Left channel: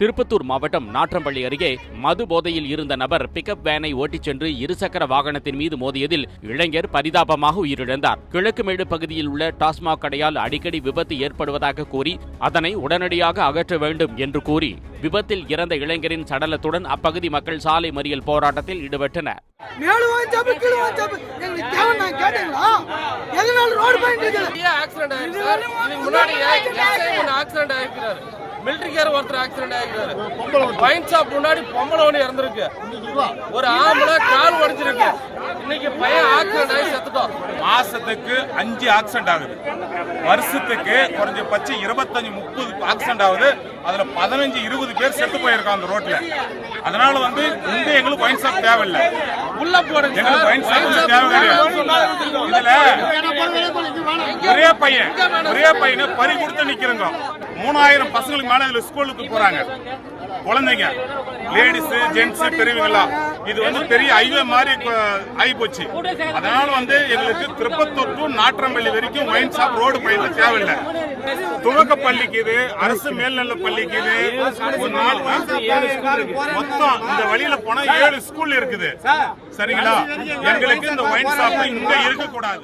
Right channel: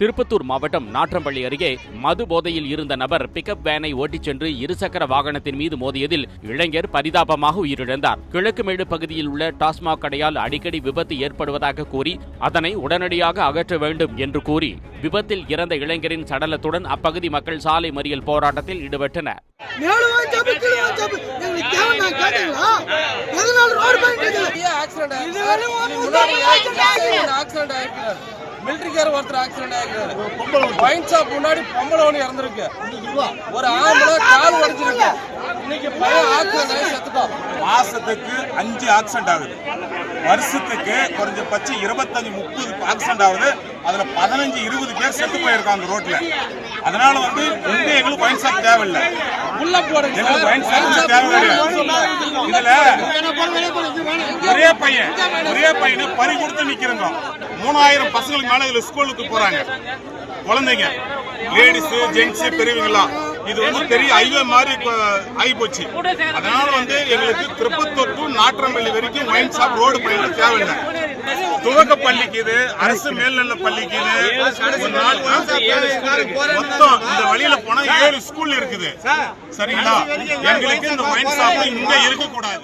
திருப்பத்தூர் மாவட்டம் நாற்றம்பள்ளி அருகே மது போதையில் இருந்த நபர் பிக்கப் வேனை ஓட்டிச் சென்று இருசக்கர வாகனத்தின் மீது மோதியதில் இளைஞர் பரிதாபமாக உயிரிழந்தார். கிழக்குமேடு பகுதியில் உள்ள டாஸ்மாக் கடையால் அடிக்கடி விபத்து ஏற்படுவதாக கூறி அதனை உடனடியாக அகற்ற வேண்டும் என்று கூறி விபத்தில் இறந்த இளைஞரின் சடலத்துடன் அப்பகுதி மக்கள் சாலை மறியல் போராட்டத்தில் ஈடுபட்டனர். மிலிட்டரிக்கார ஒருத்தர் ஆக்சிடென்ட் ஆகிருக்காரு. வைன் ஷாப் முன்னாடி பொம்பளை ஒன்று இறந்துருக்கு. ஒரு ஆம்பளை கால் உடைஞ்சிருக்கு. இன்னைக்கு பையன் ஆக்சிடென்ட் ஆகி செத்துட்டோம். மாசத்துக்கு 5 ஆக்சிடென்ட் ஆகுது. வருஷத்துக்கு குறைஞ்சபட்சம் 25-30 ஆக்சிடென்ட் ஆகுது. அதுல 15-20 பேர் செத்து போயிருக்காங்க அந்த ரோட்ல. அதனால இங்க எங்களுக்கு வைன் ஷாப் தேவையில்லை. உள்ள போடுங்க. வைன் ஷாப் தேவையில்லை. இதுல ஒரே பையனை பறி கொடுத்து நிக்கிறோங்க. 3000 பசங்களுக்கு மேல இதுல ஸ்கூலுக்கு போறாங்க. குழந்தைங்க, லேடிஸ், ஜென்ட்ஸ், பெரியவங்களா. இது பெரிய ஹைவே மாதிரி ஆகி போச்சு. அதனால எங்களுக்கு திருப்பத்தூர் டு நாற்றம்பள்ளி வரைக்கும் வைன் ஷாப் ரோடு பையில தேவையில்லை. துவக்க பள்ளிக்கு இது, அரசு மேல்நிலை பள்ளிக்கு இது, மொத்தம் இந்த வழியில போனா 7 ஸ்கூல் இருக்குது. சரிங்களா? எங்களுக்கு இந்த வைன் ஷாப் இங்க இருக்க கூடாது.